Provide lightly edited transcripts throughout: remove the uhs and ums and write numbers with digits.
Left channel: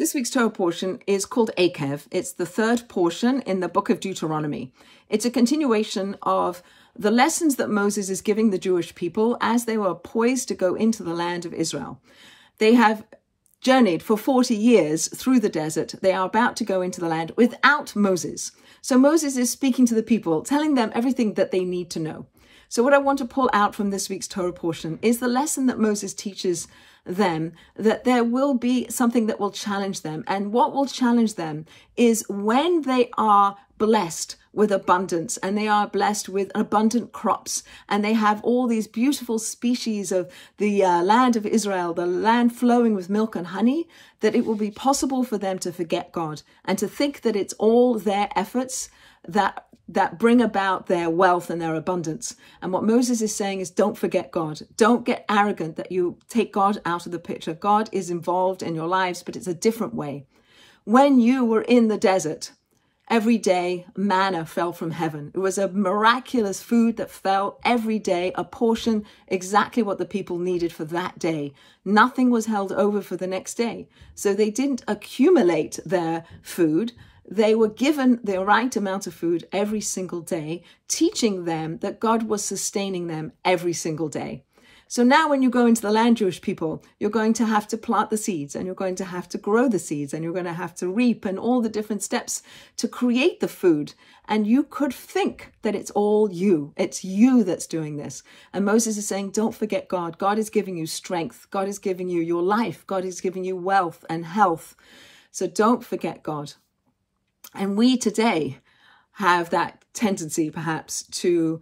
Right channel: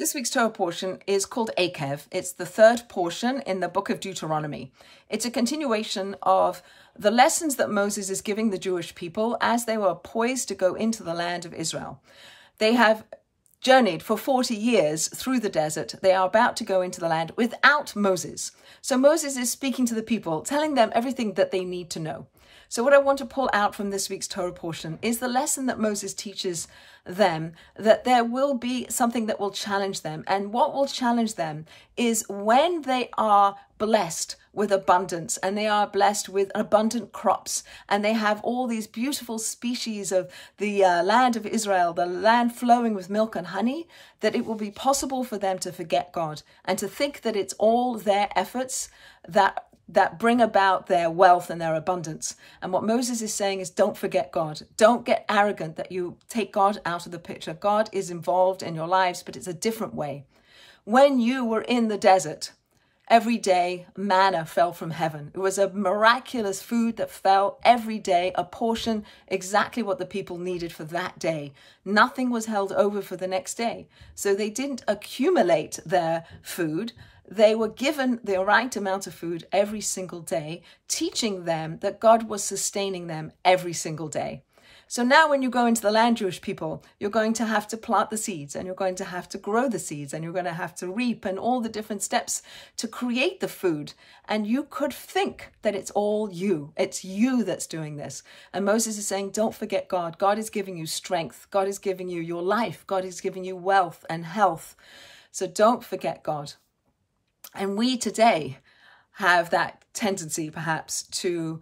This week's Torah portion is called Eikev. It's the third portion in the book of Deuteronomy. It's a continuation of the lessons that Moses is giving the Jewish people as they were poised to go into the land of Israel. They have journeyed for 40 years through the desert. They are about to go into the land without Moses. So Moses is speaking to the people, telling them everything that they need to know. So what I want to pull out from this week's Torah portion is the lesson that Moses teaches them, that there will be something that will challenge them. And what will challenge them is when they are blessed with abundance and they are blessed with abundant crops and they have all these beautiful species of the land of Israel, the land flowing with milk and honey, that it will be possible for them to forget God and to think that it's all their efforts that bring about their wealth and their abundance. And what Moses is saying is, don't forget God. Don't get arrogant that you take God out of the picture. God is involved in your lives, but it's a different way. When you were in the desert, every day manna fell from heaven. It was a miraculous food that fell every day, a portion, exactly what the people needed for that day. Nothing was held over for the next day. So they didn't accumulate their food. They were given the right amount of food every single day, teaching them that God was sustaining them every single day. So now when you go into the land, Jewish people, you're going to have to plant the seeds and you're going to have to grow the seeds and you're going to have to reap and all the different steps to create the food. And you could think that it's all you. It's you that's doing this. And Moses is saying, don't forget God. God is giving you strength. God is giving you your life. God is giving you wealth and health. So don't forget God. And we today have that tendency perhaps to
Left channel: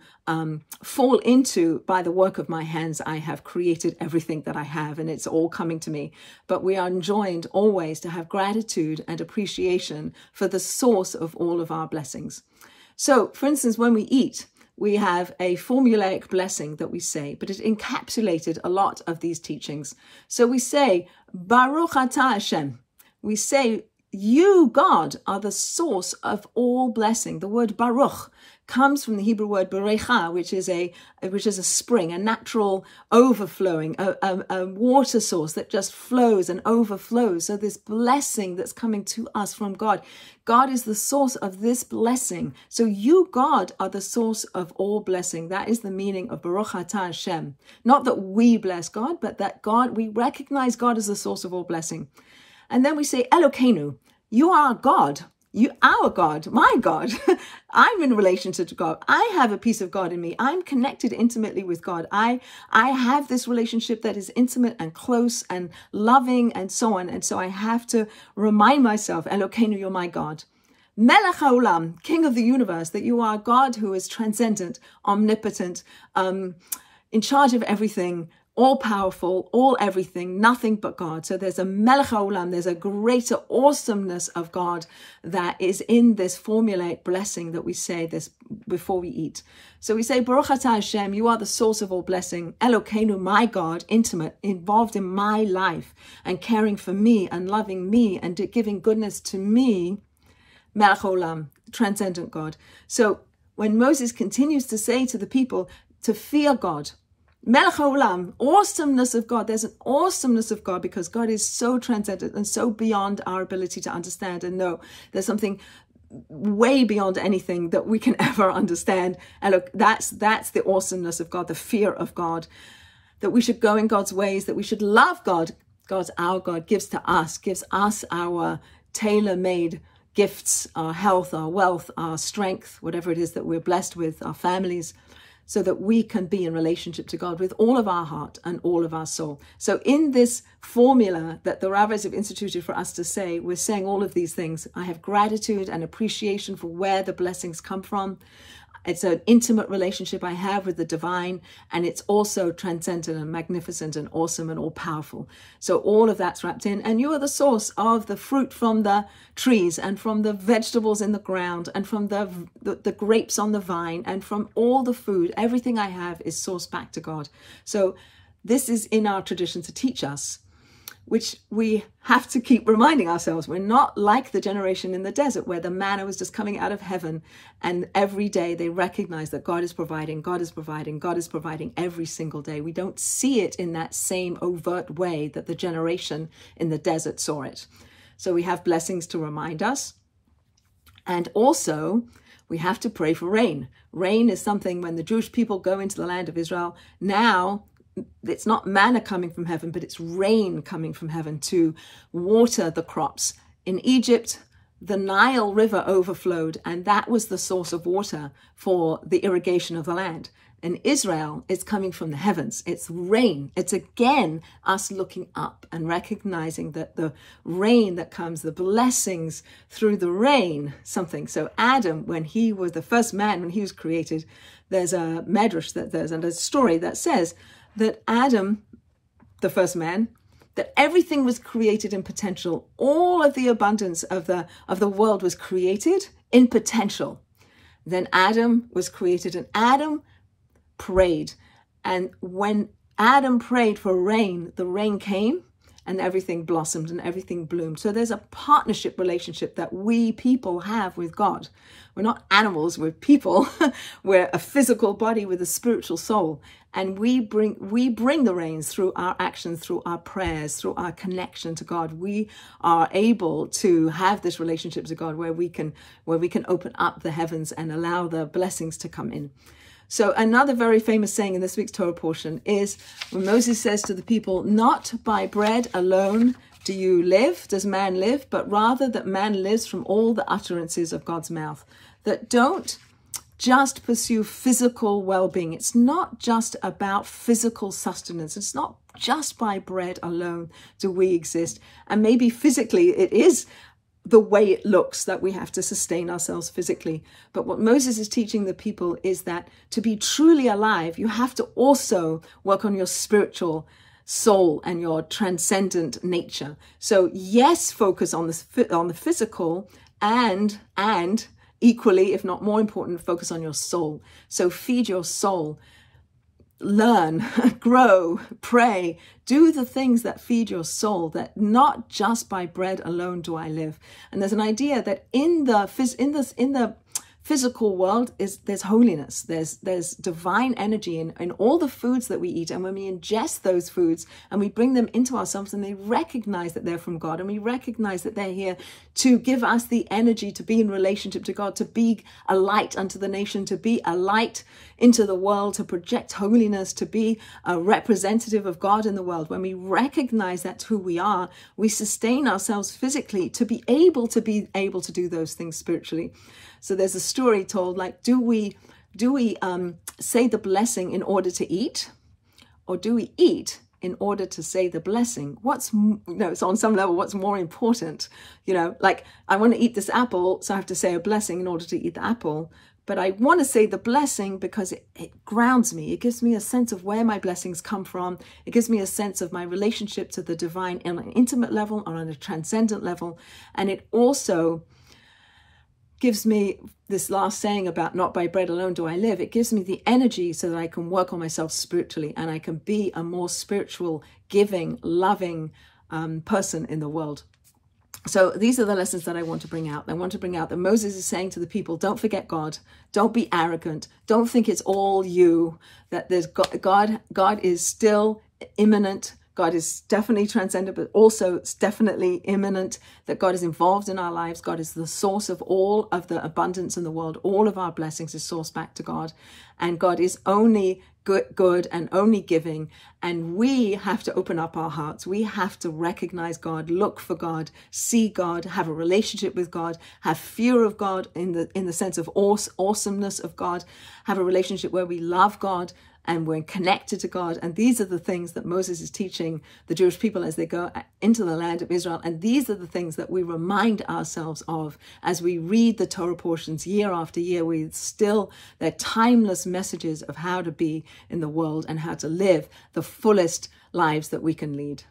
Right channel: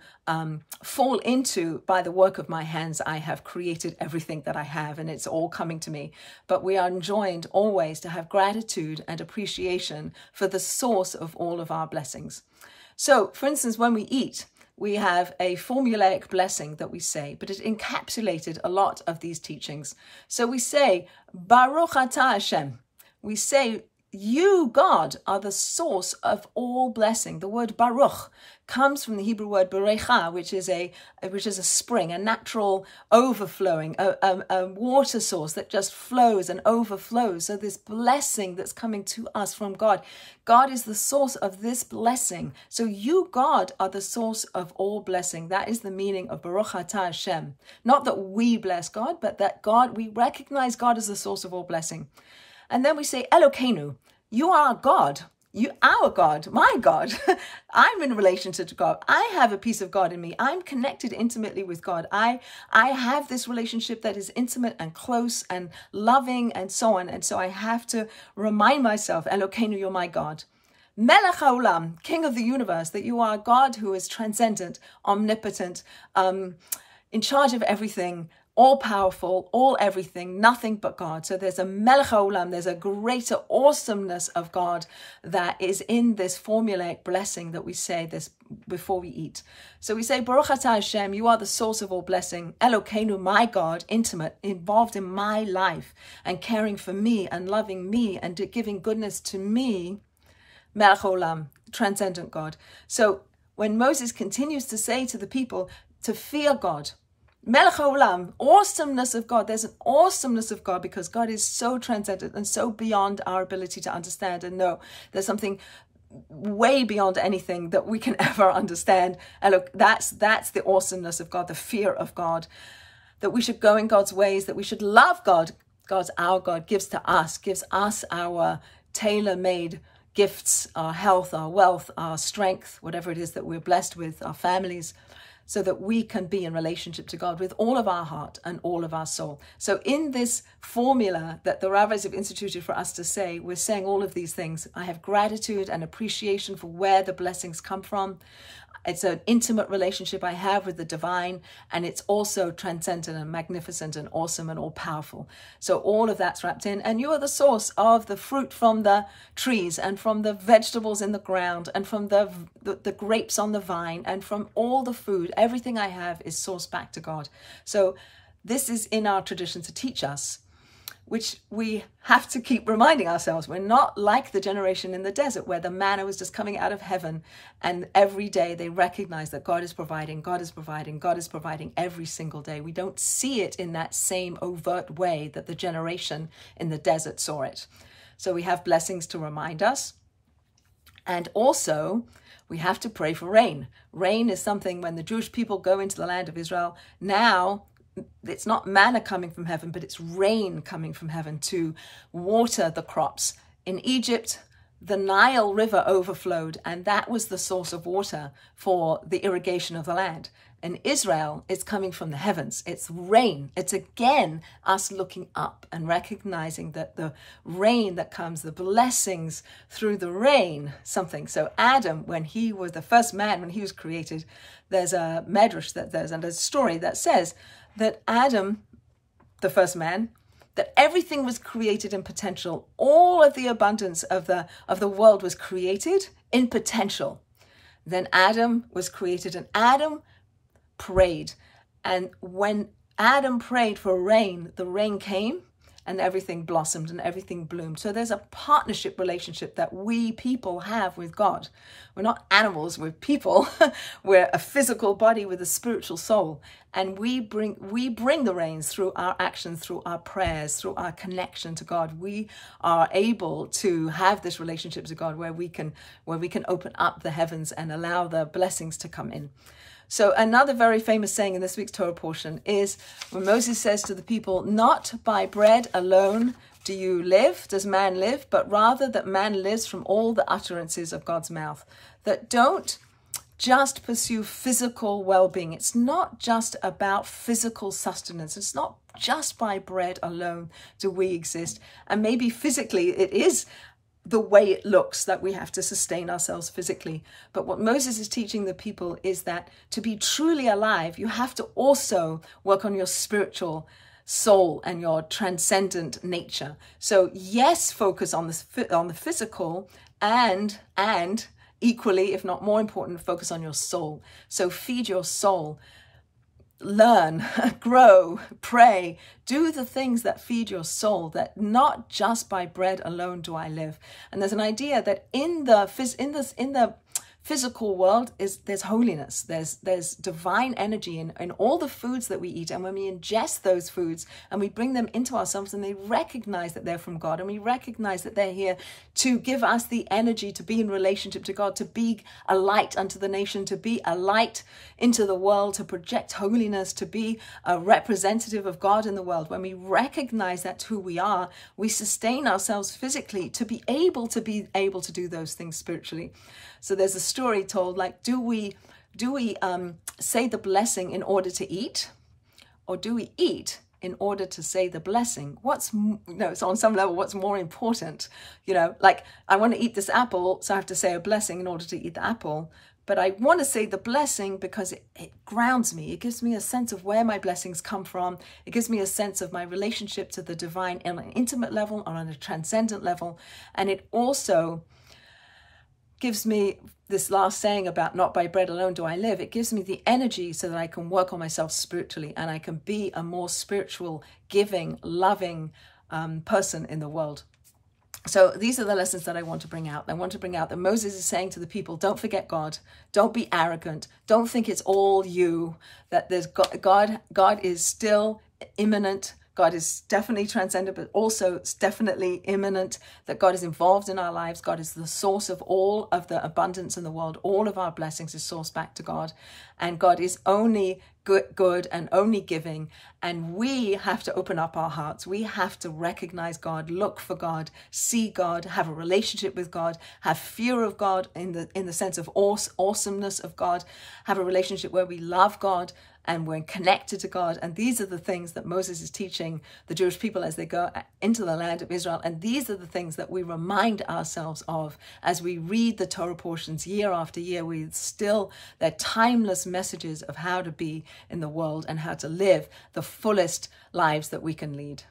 fall into, by the work of my hands, I have created everything that I have and it's all coming to me. But we are enjoined always to have gratitude and appreciation for the source of all of our blessings. So, for instance, when we eat, we have a formulaic blessing that we say, but it encapsulated a lot of these teachings. So we say, Baruch atah Hashem. We say, you, God, are the source of all blessing. The word Baruch comes from the Hebrew word Berecha, which is a spring, a natural overflowing, a water source that just flows and overflows. So this blessing that's coming to us from God, God is the source of this blessing. So you, God, are the source of all blessing. That is the meaning of Baruch atah Hashem. Not that we bless God, but that God, we recognize God as the source of all blessing. And then we say, Elokeinu, you are God, our God, my God. I'm in relationship to God. I have a piece of God in me. I'm connected intimately with God. I have this relationship that is intimate and close and loving and so on. And so I have to remind myself, Elokeinu, you're my God. Melech haolam, King of the universe, that you are God who is transcendent, omnipotent, in charge of everything, all powerful, all everything, nothing but God. So there's a Melech HaOlam, there's a greater awesomeness of God that is in this formulaic blessing that we say this before we eat. So we say, Baruch atah Hashem, you are the source of all blessing. Elokeinu, my God, intimate, involved in my life and caring for me and loving me and giving goodness to me. Melech HaOlam, transcendent God. So when Moses continues to say to the people to fear God, Melech HaOlam, awesomeness of God. There's an awesomeness of God because God is so transcendent and so beyond our ability to understand and know. There's something way beyond anything that we can ever understand. And look, that's the awesomeness of God, the fear of God, that we should go in God's ways, that we should love God. God's our God, gives us our tailor-made gifts, our health, our wealth, our strength, whatever it is that we're blessed with, our families, so that we can be in relationship to God with all of our heart and all of our soul. So in this formula that the rabbis have instituted for us to say, we're saying all of these things. I have gratitude and appreciation for where the blessings come from. It's an intimate relationship I have with the divine, and it's also transcendent and magnificent and awesome and all-powerful. So all of that's wrapped in, and you are the source of the fruit from the trees and from the vegetables in the ground and from the grapes on the vine and from all the food. Everything I have is sourced back to God. So this is in our tradition to teach us, which we have to keep reminding ourselves. We're not like the generation in the desert where the manna was just coming out of heaven and every day they recognize that God is providing, God is providing, God is providing every single day. We don't see it in that same overt way that the generation in the desert saw it. So we have blessings to remind us. And also, we have to pray for rain. Rain is something when the Jewish people go into the land of Israel, now it's not manna coming from heaven, but it's rain coming from heaven to water the crops. In Egypt, the Nile River overflowed, and that was the source of water for the irrigation of the land. In Israel, it's coming from the heavens. It's rain. It's again us looking up and recognizing that the rain that comes, the blessings through the rain, something. So Adam, when he was the first man, when he was created, there's a medrash and a story that says that Adam, the first man, that everything was created in potential. All of the abundance of the world was created in potential. Then Adam was created, and Adam prayed. And when Adam prayed for rain, the rain came and everything blossomed and everything bloomed. So there's a partnership relationship that we people have with God. We're not animals, we're people. We're a physical body with a spiritual soul. And we bring the rains through our actions, through our prayers, through our connection to God. We are able to have this relationship to God where we can open up the heavens and allow the blessings to come in. So another very famous saying in this week's Torah portion is when Moses says to the people, not by bread alone does man live, but rather that man lives from all the utterances of God's mouth. That don't just pursue physical well-being. It's not just about physical sustenance. It's not just by bread alone do we exist. And maybe physically it is the way it looks that we have to sustain ourselves physically. But what Moses is teaching the people is that to be truly alive, you have to also work on your spiritual soul and your transcendent nature. So yes, focus on the physical and equally, if not more important, focus on your soul. So feed your soul. Learn, grow, pray, do the things that feed your soul, that not just by bread alone do I live. And there's an idea that in the physical world there's holiness, there's divine energy in all the foods that we eat. And when we ingest those foods and we bring them into ourselves and they recognize that they're from God, and we recognize that they're here to give us the energy to be in relationship to God, to be a light unto the nation, to be a light into the world, to project holiness, to be a representative of God in the world. When we recognize that's who we are, we sustain ourselves physically to be able to do those things spiritually. So there's a story told, like, do we say the blessing in order to eat, or do we eat in order to say the blessing? So on some level, what's more important? Like, I want to eat this apple, so I have to say a blessing in order to eat the apple. But I want to say the blessing because it grounds me. It gives me a sense of where my blessings come from. It gives me a sense of my relationship to the divine on an intimate level or on a transcendent level. And it also gives me this last saying about not by bread alone do I live. It gives me the energy so that I can work on myself spiritually and I can be a more spiritual, giving, loving person in the world. So these are the lessons that I want to bring out. I want to bring out that Moses is saying to the people, don't forget God. Don't be arrogant. Don't think it's all you, that there's God is still immanent. God is definitely transcendent, but also it's definitely immanent, that God is involved in our lives. God is the source of all of the abundance in the world. All of our blessings is sourced back to God. And God is only good and only giving. And we have to open up our hearts. We have to recognize God, look for God, see God, have a relationship with God, have fear of God in the sense of awesomeness of God, have a relationship where we love God and we're connected to God. And these are the things that Moses is teaching the Jewish people as they go into the land of Israel. And these are the things that we remind ourselves of as we read the Torah portions year after year. They're timeless messages of how to be in the world and how to live the fullest lives that we can lead.